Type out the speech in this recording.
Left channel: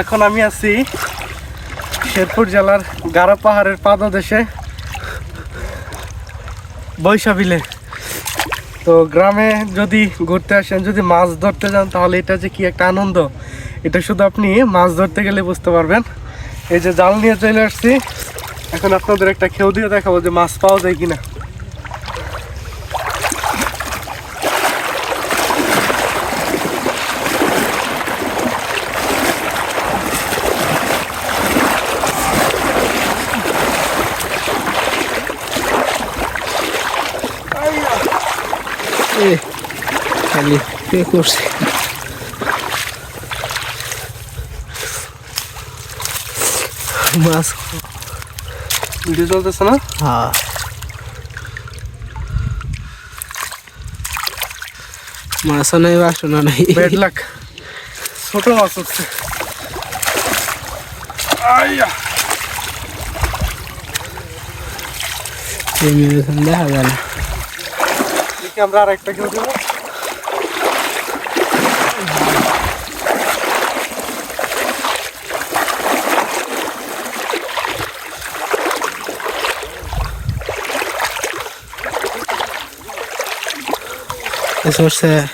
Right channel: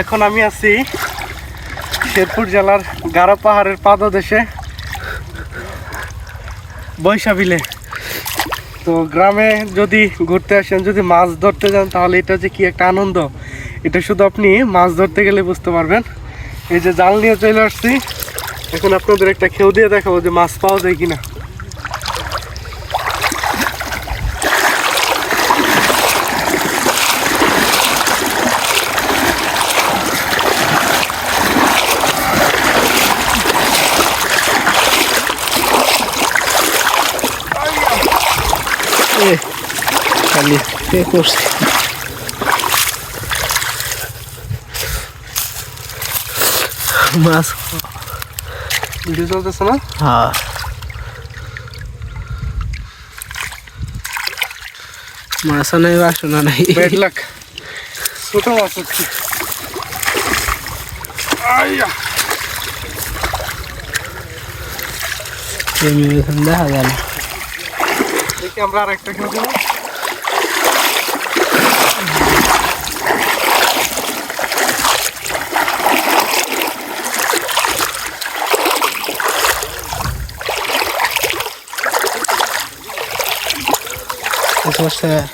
এখন আমি আছি শেরপুর জেলার গারো পাহাড়ের পাদদেশে বৈশাবিলে। তো গ্রামে যদি ঘুরতে আসেন, যদি মাছ ধরতে যান, তাহলে এটা যে কি একটা আনন্দ, এটা শুধু আপনি মাছ ধরতে গেলে বুঝতে পারবেন। এই যে জাল নিয়ে চলে আসছি, এখন আপনাদের একটা খেউ দিয়ে দেখাবো যে মাছ পাওয়া যায় কিনা। খালি পে করছি মাছ। ভিডিও চলতেছে না? হ্যাঁ, মাছ নাই, বাসনা নাই। ব্যাড লাক, ছোট মাছ হচ্ছে। দেখা গেল আমরা আর একটা খেউ দেবো। eso se